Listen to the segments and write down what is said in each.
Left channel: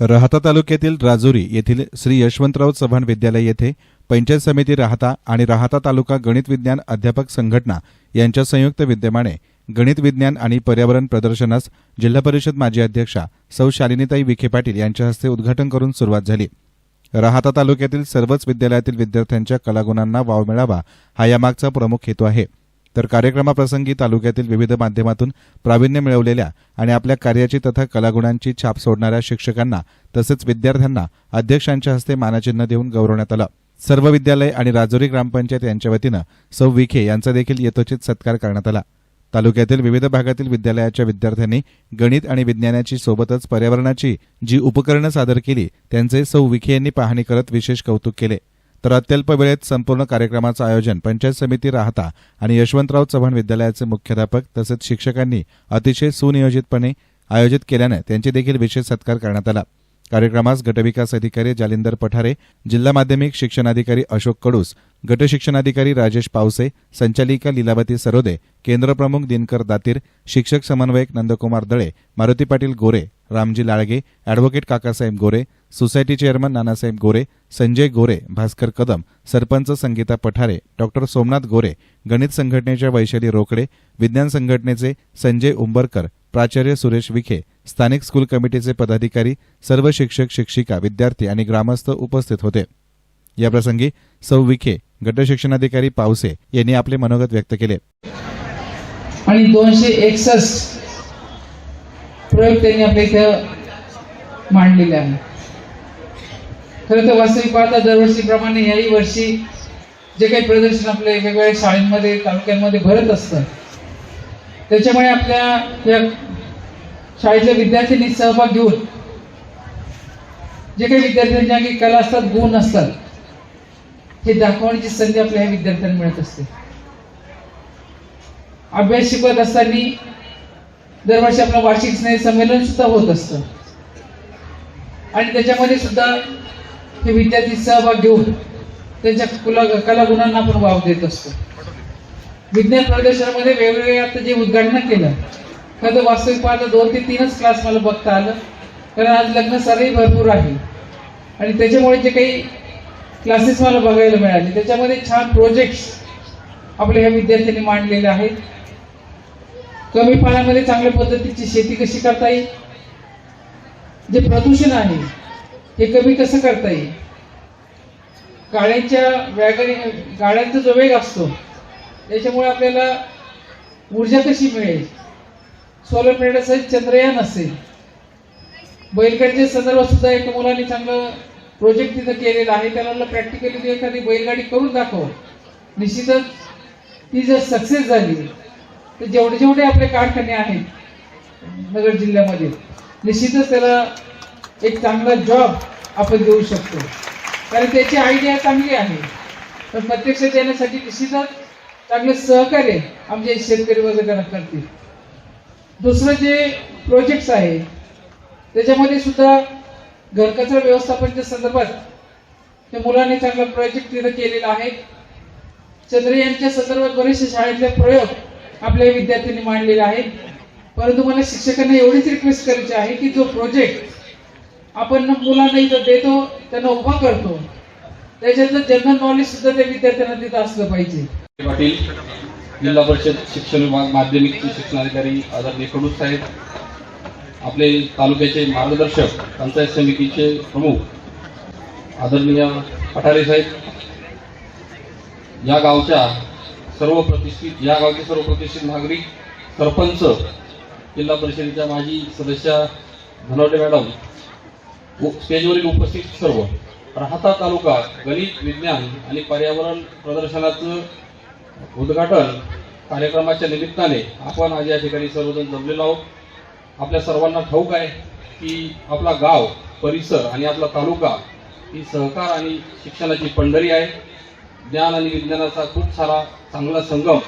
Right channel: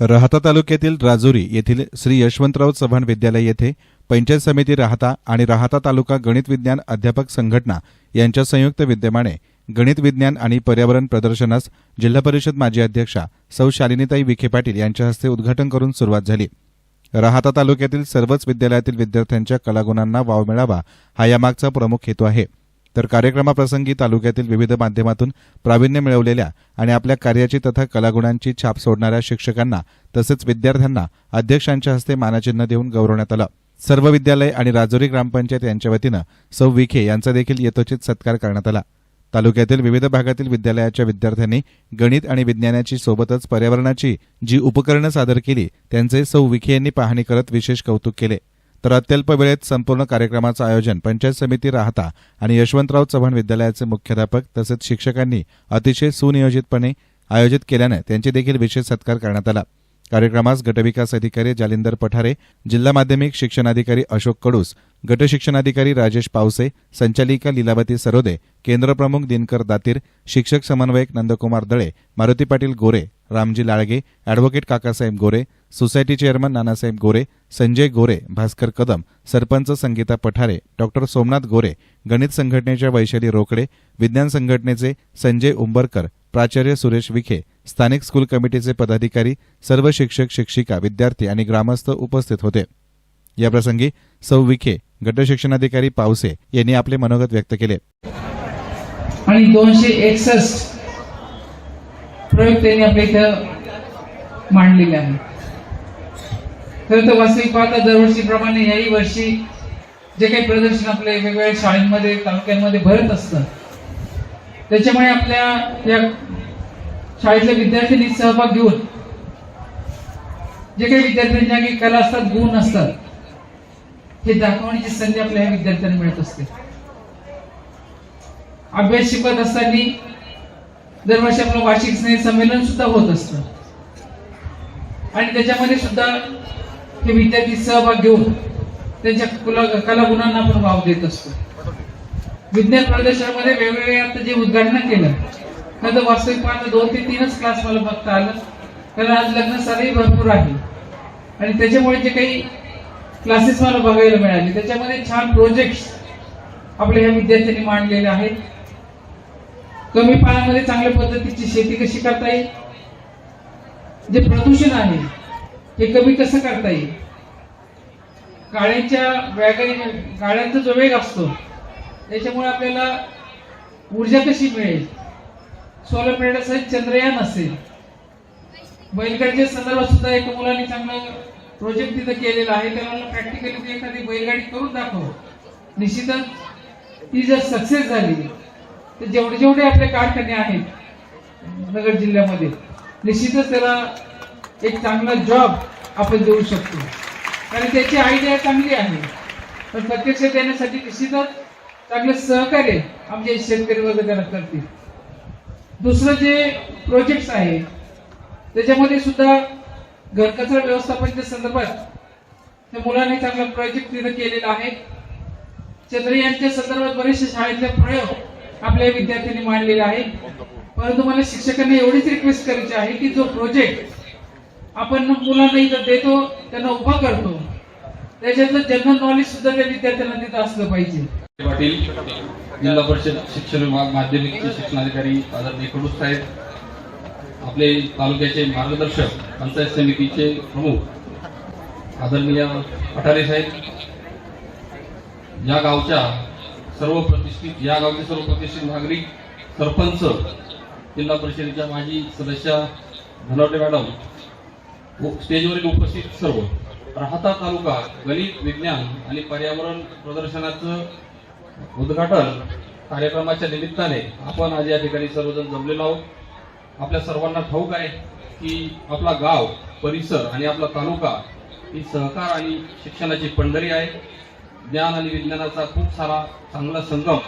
राहता तालुक्यातील राजुरी येथील श्री यशवंतराव चव्हाण विद्यालय येथे पंचायत समिती राहता आणि राहता तालुका गणित विज्ञान अध्यापक संघटना यांच्या संयुक्त विद्यमाने गणित विज्ञान आणि पर्यावरण प्रदर्शनास जिल्हा परिषद माजी अध्यक्षा सौ शालिनीताई विखे पाटील यांच्या हस्ते उद्घाटन करून सुरुवात झाली. राहता तालुक्यातील सर्वच विद्यालयातील विद्यार्थ्यांच्या कलागुणांना वाव मिळावा हा यामागचा प्रमुख हेतू आहे. तर कार्यक्रमाप्रसंगी तालुक्यातील विविध माध्यमातून प्रावीण्य मिळवलेल्या आणि आपल्या कार्याची तथा कलागुणांची छाप सोडणाऱ्या शिक्षकांना तसेच विद्यार्थ्यांना अध्यक्षांच्या हस्ते मानचिन्ह देऊन गौरवण्यात आलं. सर्व विद्यालय आणि राजौरी ग्रामपंचायत यांच्या वतीनं सौ विखे यांचा देखील यथोचित सत्कार करण्यात आला. तालुक्यातील विविध भागातील विद्यालयाच्या विद्यार्थ्यांनी गणित आणि विज्ञानाची सोबतच पर्यावरणाची जी उपकरणं सादर केली त्यांचे सौ विखे यांनी पाहणी करत विशेष कौतुक केले. तर अत्यल्प वेळेत संपूर्ण कार्यक्रमाचं आयोजन पंचायत समिती राहता आणि यशवंतराव चव्हाण विद्यालयाचे मुख्याध्यापक तसेच शिक्षकांनी अतिशय सुनियोजितपणे आयोजित केल्यानं त्यांची देखील विशेष सत्कार करण्यात आला. कार्यक्रमास गटविकास अधिकारी जालिंदर पठारे जिल्हा माध्यमिक शिक्षणाधिकारी अशोक कडूस गटशिक्षणाधिकारी राजेश पावसे संचालिका लीलावती सरोदे केंद्रप्रमुख दिनकर दातीर शिक्षक समन्वयक Nandkumar Dale Maruti Patil Gore Ramji Lalge advocate Kakasaheb Gore society chairman Nanasaheb Gore Sanjay Gore Bhaskar Kadam sarpanch Sangeeta Pathare doctor Somnath Gore गणित संघटनेच्या वैशाली रोकडे विज्ञान संघटनेचे संजय उंबरकर प्राचार्य सुरेश विखे स्थानिक स्कूल कमिटीचे पदाधिकारी सर्व शिक्षक शिक्षिका विद्यार्थी आणि ग्रामस्थ उपस्थित होते. याप्रसंगी सौ विखे गट शिक्षणाधिकारी पावसे यांनी आपले मनोगत व्यक्त केले. आणि दोनशे एकसष्ट प्रयोग त्यांनी आपल्या इथं मांडलेले आहे खरं तर वास्तविक पाहता दरवर्षीप्रमाणे याही वर्षी जे काही प्रदर्शन आपल्या वेगवेगळ्या शाळांमध्ये तालुक्यांमध्ये भरत असतं त्याच्यामुळे आपल्या या शाळेच्या विद्यार्थ्यांनी सहभाग घेऊन जे काही विद्यार्थ्यांच्या कला असतात गुण असतात हे दाखवण्याची संधी आपल्या विद्यार्थ्यांना मिळत असते. अभ्यास शिकवत असताना दरवर्षी आपलं वार्षिक स्नेह संमेलन सुद्धा होत असतं. आणि त्याच्यामध्ये सुद्धा हे विद्यार्थी सहभाग घेऊन त्यांच्या कुला कलागुणांना आपण वाव देत असतो. विज्ञान प्रदर्शनामध्ये वेगवेगळ्या आता जे उद्घाटन केलं तर वास्तविक पाहता दोन ते तीनच क्लास मला बघता आलं. कारण आज लग्न सारही भरपूर आहे. आणि त्याच्यामुळे जे काही क्लासेस मला बघायला मिळाले. त्याच्यामध्ये छान प्रोजेक्ट्स आपल्या या विद्यार्थ्यांनी मांडलेले आहेत. कमी पाण्यामध्ये चांगल्या पद्धतीची शेती कशी करता येईल? जे प्रदूषण आहे हे कमी कसं करता येईल? गाड्यांच्या वॅगरी गाड्यांचा जो वेग असतो याच्यामुळे आपल्याला ऊर्जा कशी मिळेल? सोलर प्लेट असेल चंद्रयान असेल. बैलगाडीच्या संदर्भात सुद्धा एका मुलाने चांगलं प्रोजेक्ट तिथं केलेला आहे. त्याला प्रॅक्टिकली ते एखादी बैलगाडी करून दाखव. निश्चितच ती जर सक्सेस झाली तर जेवढे जेवढे आपले कारखाने आहेत नगर जिल्ह्यामध्ये निश्चितच त्याला एक चांगला जॉब आपण देऊ शकतो. कारण त्याची आयडिया चांगली आहे. पण प्रत्यक्ष देण्यासाठी निश्चितच चांगलं सहकार्य आमचे शेतकरी वर्ग करतील. दुसरं जे प्रोजेक्ट्स आहे त्याच्यामध्ये सुद्धा घरकचरा व्यवस्थापनाच्या संदर्भात त्या मुलाने चांगला प्रोजेक्ट तिथे केलेला आहे. चंद्रयानच्या संदर्भात बरेचसे शाळेतले प्रयोग आपल्या विद्यार्थ्यांनी मांडलेले आहेत. परंतु मला शिक्षकांना एवढीच रिक्वेस्ट करायची आहे की जो प्रोजेक्ट आपण मुलांना इथं देतो त्यांना उभा करतो. त्याच्यातलं जनरल नॉलेज सुद्धा त्या विद्यार्थ्यांना तिथं असलं पाहिजे. पाटील जिल्हा परिषद शिक्षण विभाग माध्यमिक शिक्षणाधिकारी आदरणीय कडूस साहेब आपले तालुक्याचे मार्गदर्शक पंचायत समितीचे प्रमुख आदरणीय अठारे साहेब या गावच्या सर्व प्रतिष्ठित या गावचे सर्व प्रतिष्ठित नागरिक सरपंच जिल्हा परिषदेच्या माजी सदस्या धनवटे मॅडम स्टेजवरील उपस्थित सर्व. राहता तालुका गणित विज्ञान आणि पर्यावरण प्रदर्शनाचं उद्घाटन कार्यक्रमाच्या निमित्ताने आपण आज या ठिकाणी सर्वजण जमलेलो आहोत. आपल्या सर्वांना ठाऊक आहे की आपला गाव परिसर आणि आपला तालुका ही सहकार आणि शिक्षणाची पंढरी आहे. ज्ञान आणि विज्ञानाचा खूप सारा चांगला संगम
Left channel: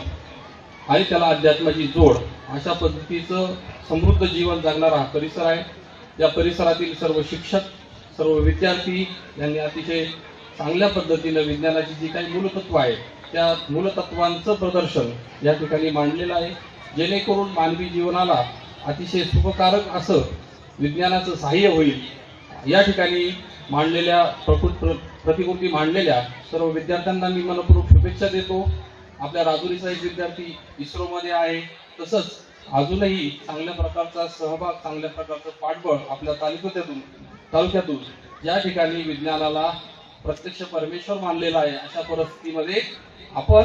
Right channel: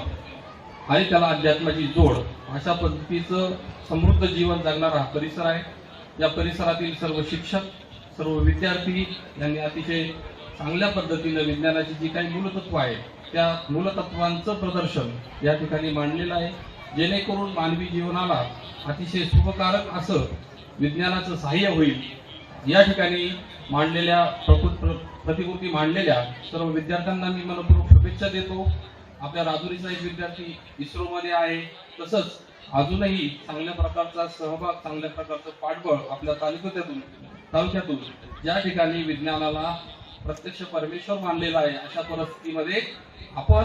आणि त्याला अध्यात्माची जोड अशा पद्धतीचं समृद्ध जीवन जगणारा हा परिसर आहे. या परिसरातील सर्व शिक्षक सर्व विद्यार्थी यांनी अतिशय चांगल्या पद्धतीनं विज्ञानाची जी काही मूलतत्व आहे त्या मूलतत्वांचं प्रदर्शन या ठिकाणी मांडलेलं आहे. जेणेकरून मानवी जीवनाला अतिशय शुभकारक असं विज्ञानाचं सहाय्य होईल. या ठिकाणी मांडलेल्या प्रकृत प्र- प्रतिकृती मांडलेल्या सर्व विद्यार्थ्यांना मी मनपूर्वक शुभेच्छा देतो. आपल्या राजुरी साहेब विद्यार्थी इस्रोमध्ये आहे. तसंच अजूनही चांगल्या प्रकारचा सहभाग चांगल्या प्रकारचं पाठबळ आपल्या तालुक्यातून तालुक्यातून ज्या ठिकाणी विज्ञानाला प्रत्यक्ष परमेश्वर मानलेला आहे अशा परिस्थितीमध्ये आपण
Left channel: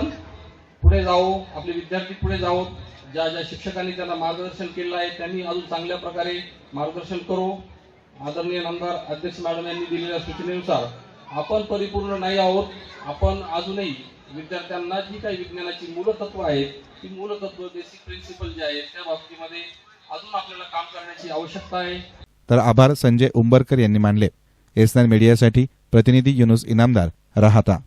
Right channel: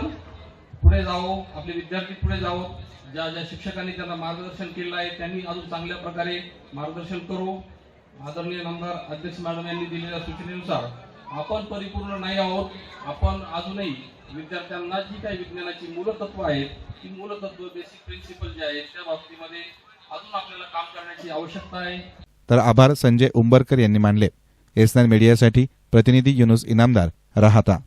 पुढे जाऊ आपले विद्यार्थी पुढे जाऊ ज्या ज्या शिक्षकांनी त्यांना मार्गदर्शन केलं आहे त्यांनी अजून चांगल्या प्रकारे मार्गदर्शन करो. आदरणीय नामदार अध्यक्ष मॅडम यांनी दिलेल्या सूचनेनुसार आपण परिपूर्ण नाही आहोत. आपण अजूनही विद्यार्थ्यांना जी काही विज्ञानाची मूलतत्व आहेत ती मूलतत्व बेसिक प्रिन्सिपल जे आहेत त्या बाबतीमध्ये अजून आपल्याला काम करण्याची आवश्यकता आहे. तर आभार संजय उंबरकर यांनी मानले. एस मीडियासाठी प्रतिनिधी युनुस इनामदार राहता.